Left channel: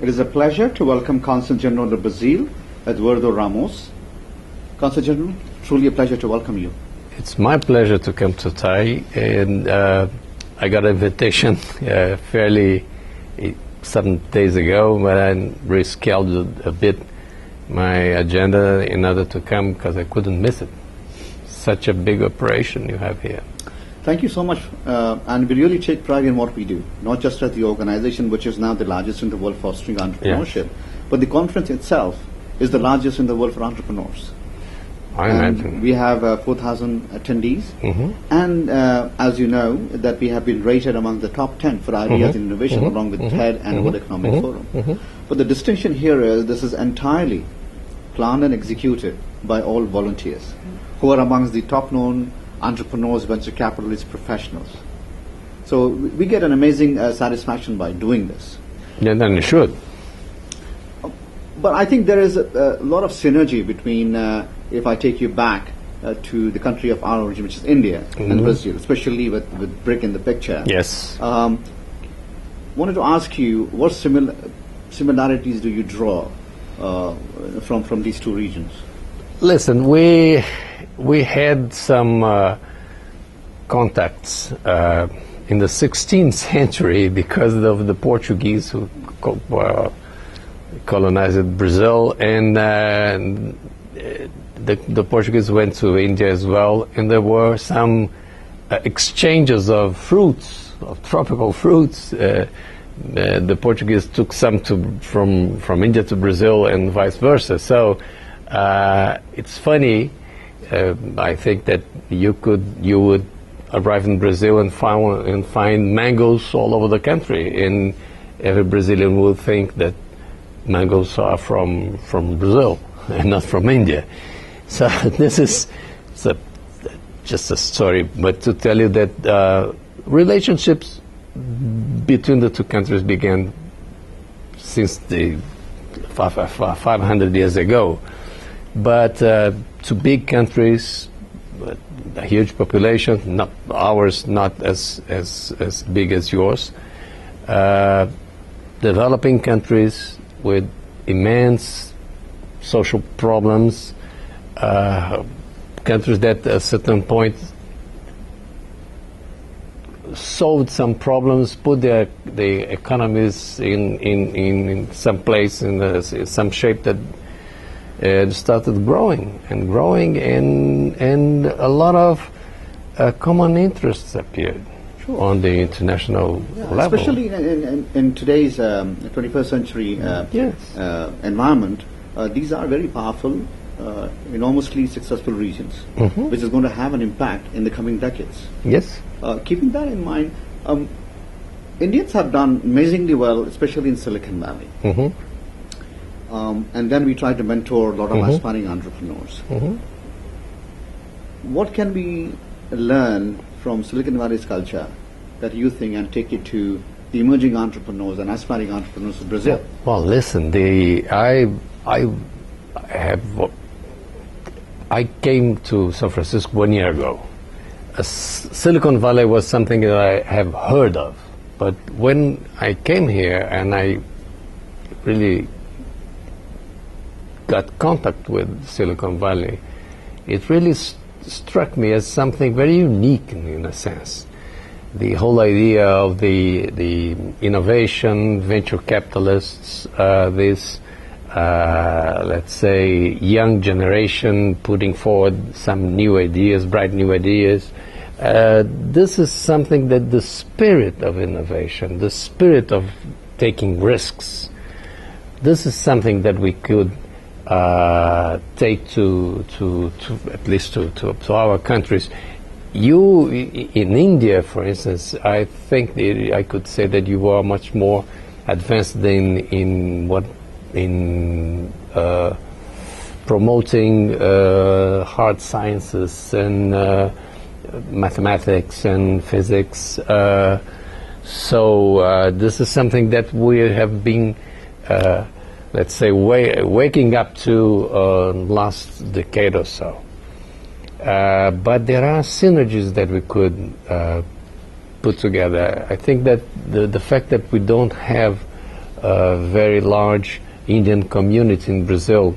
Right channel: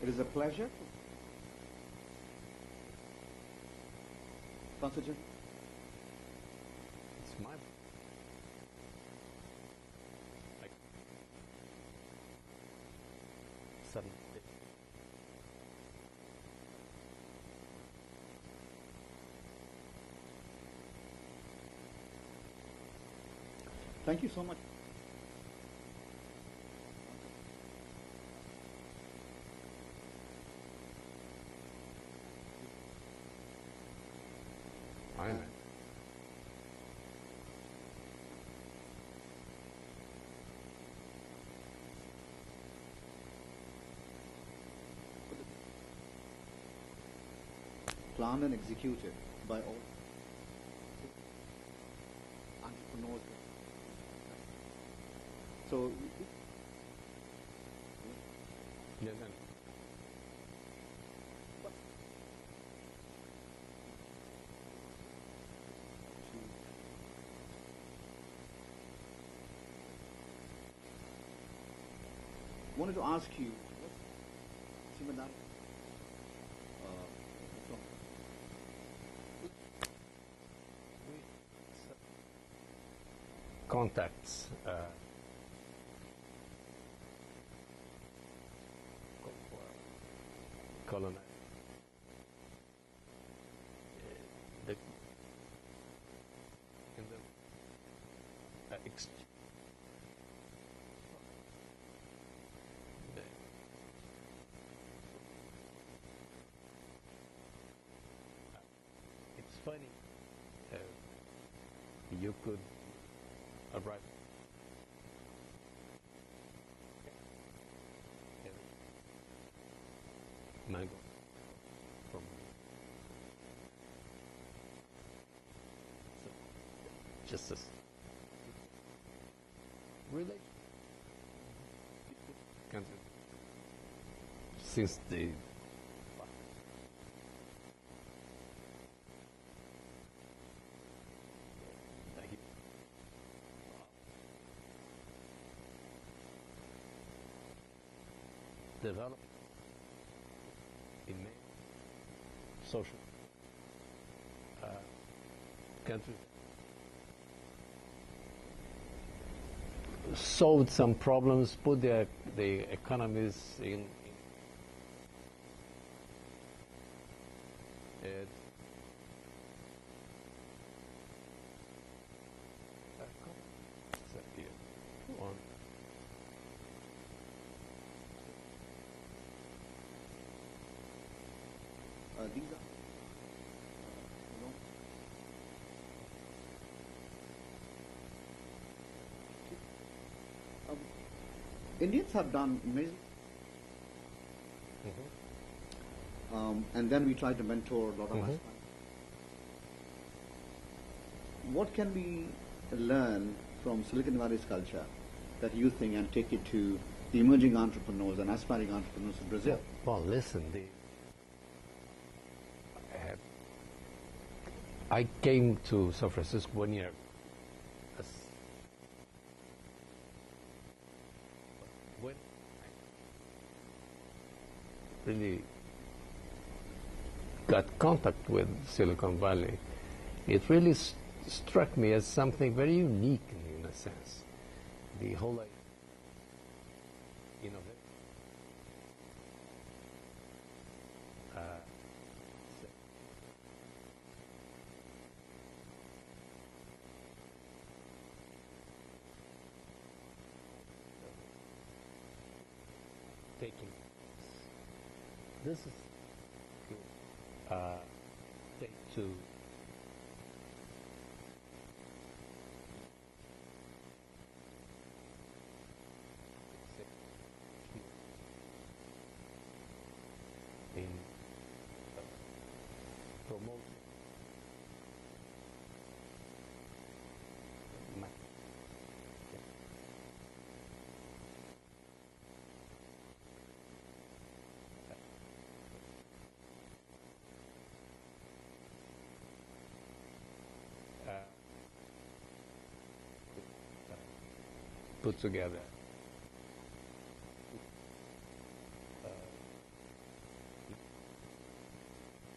It is a pleasure to welcome Counsel General of Brazil, Eduardo Ramos. Counsel General, truly a pleasure to welcome you. It's my pleasure to come to Thai, and I got an invitation fairly 7 days ago, but I rescheduled a bit my agenda in order to come because I couldn't miss it. Such a big operation you have here. Thank you so much, and we really take pride in what we do, not just as the organization which is now the largest in the world fostering entrepreneurship, but the conference itself is the largest in the world for entrepreneurs. I imagine. We have 4,000 attendees, and as you know, that we have been rated among the top 10 for ideas in innovation, along with TED and World Economic Forum. But the distinction here is this is entirely planned and executed by all volunteers, who are amongst the top-known entrepreneurs, venture capitalists, professionals. So we get an amazing satisfaction by doing this. Yeah, then you should. But I think there is a lot of synergy between, if I take you back to the country of our origin, which is India and Brazil, especially with BRIC in the picture. Yes. Wanted to ask you, what similarities do you draw from these two regions? Listen, we had some contacts in the 16th century because of the Portuguese who colonized Brazil, and the Portuguese went to India as well, and there were some exchanges of fruits, of tropical fruits. The Portuguese took some from India to Brazil and vice versa. So it's funny. I think that you would arrive in Brazil and find mangoes all over the country, and every Brazilian would think that mangoes are from Brazil and not from India. So this is just a story, but to tell you that relationships between the two countries began since the 500 years ago. But to big countries, a huge population, not ours, not as big as yours, developing countries with immense social problems, countries that at a certain point solved some problems, put the economies in some place, in some shape that started growing, and a lot of common interests appeared on the international level. Especially in today's 21st century environment, these are very powerful, enormously successful regions, which is going to have an impact in the coming decades. Yes. Keeping that in mind, Indians have done amazingly well, especially in Silicon Valley. And then we try to mentor a lot of aspiring entrepreneurs. What can we learn from Silicon Valley's culture that you think and take it to the emerging entrepreneurs and aspiring entrepreneurs of Brazil? Well, listen, I came to San Francisco 1 year ago. Silicon Valley was something that I have heard of, but when I came here and I really got contact with Silicon Valley, it really struck me as something very unique in a sense. The whole idea of the innovation, venture capitalists, this, let's say, young generation putting forward some new ideas, bright new ideas. This is something that the spirit of innovation, the spirit of taking risks, this is something that we could take to at least to our countries. You in India, for instance, I think I could say that you are much more advanced in promoting hard sciences and mathematics and physics. So this is something that we have been, let's say, waking up to last decade or so. But there are synergies that we could put together. I think that the fact that we don't have a very large Indian community in Brazil,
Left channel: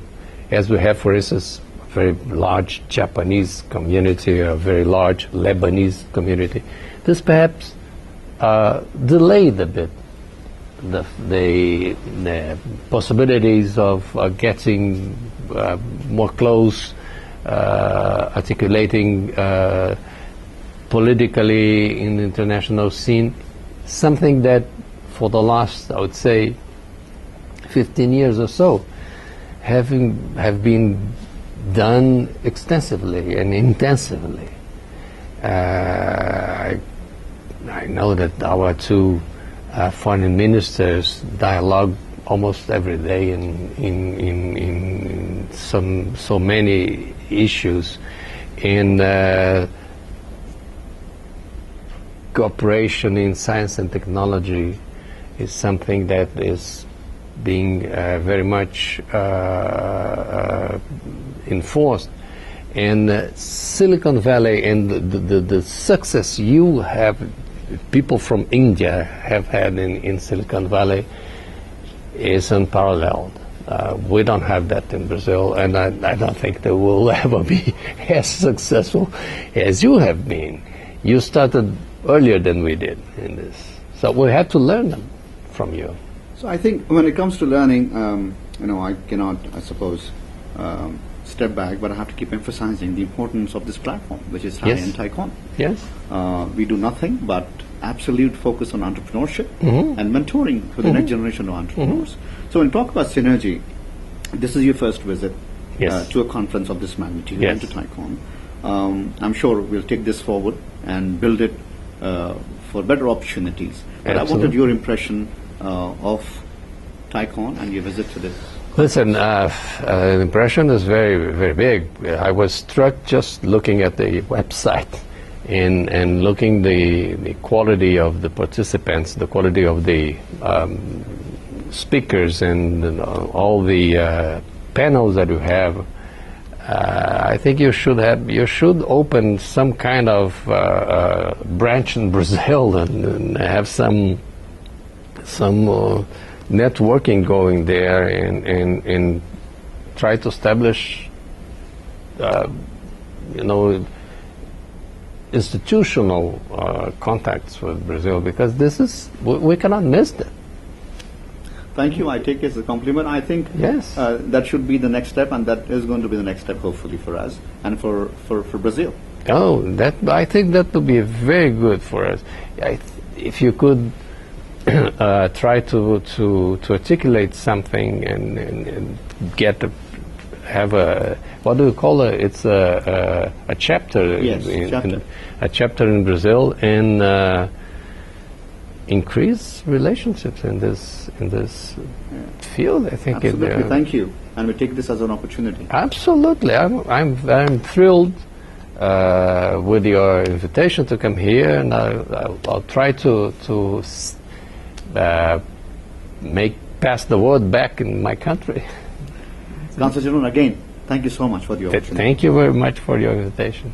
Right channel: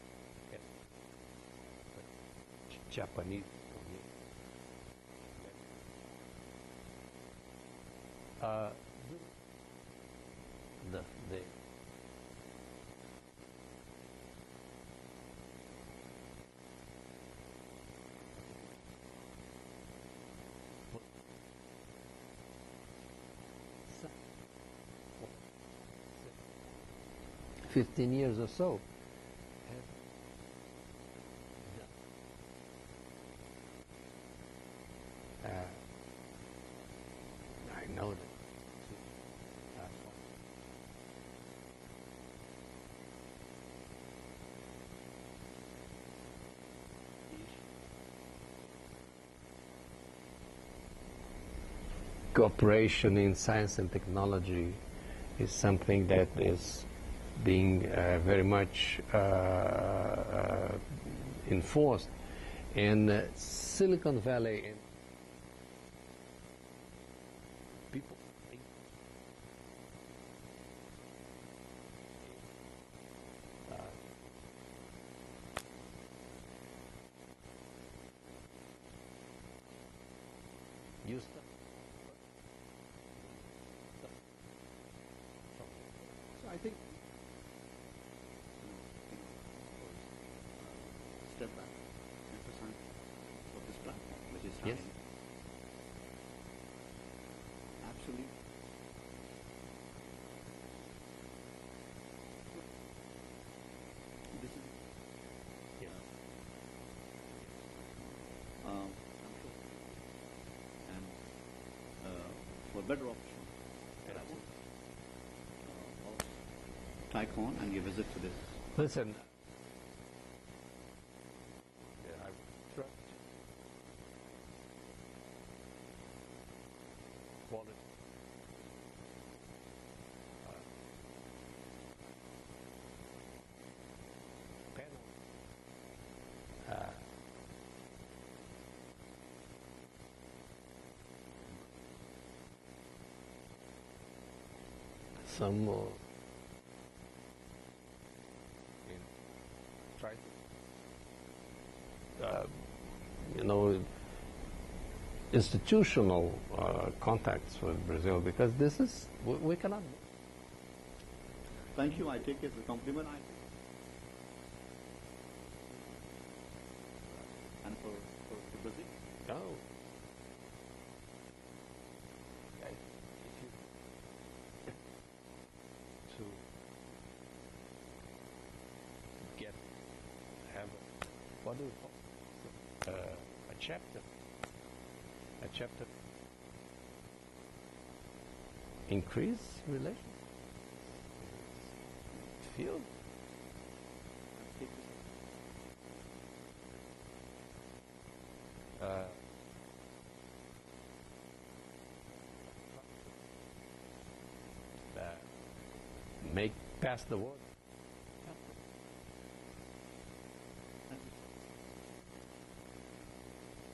as we have, for instance, a very large Japanese community, a very large Lebanese community. This perhaps delayed a bit the possibilities of getting more close, articulating politically in the international scene, something that for the last, I would say, 15 years or so, have been done extensively and intensively. I know that our two foreign ministers dialogue almost every day in so many issues, and cooperation in science and technology is something that is being very much enforced. And Silicon Valley and the success you have, people from India have had in Silicon Valley, is unparalleled. We don't have that in Brazil, and I don't think they will ever be as successful as you have been. You started earlier than we did in this, so we had to learn them from you. So I think when it comes to learning, I cannot, I suppose, step back, but I have to keep emphasizing the importance of this platform, which is TiE and TiEcon. Yes. We do nothing but absolute focus on entrepreneurship and mentoring for the next generation of entrepreneurs. So when we talk about synergy, this is your first visit to a conference of this magnitude and to TiEcon. I'm sure we'll take this forward and build it for better opportunities. But I wanted your impression of TiEcon and your visit to this. Listen, the impression is very, very big. I was struck just looking at the website and looking the quality of the participants, the quality of the speakers, and all the panels that you have. I think you should open some kind of branch in Brazil and have some networking going there and try to establish institutional contacts with Brazil, because this is, we cannot miss that. Thank you. I take it as a compliment. I think that should be the next step, and that is going to be the next step, hopefully, for us and for Brazil. Oh, I think that would be very good for us. If you could try to articulate something and have a, what do you call it? It's a chapter. Yes, a chapter in Brazil, and increase relationships in this field. I think. Absolutely. Thank you, and we take this as an opportunity. Absolutely, I'm thrilled with your invitation to come here, and I'll try to pass the word back in my country. Counsel General, again, thank you so much for the opportunity. Thank you very much for your invitation.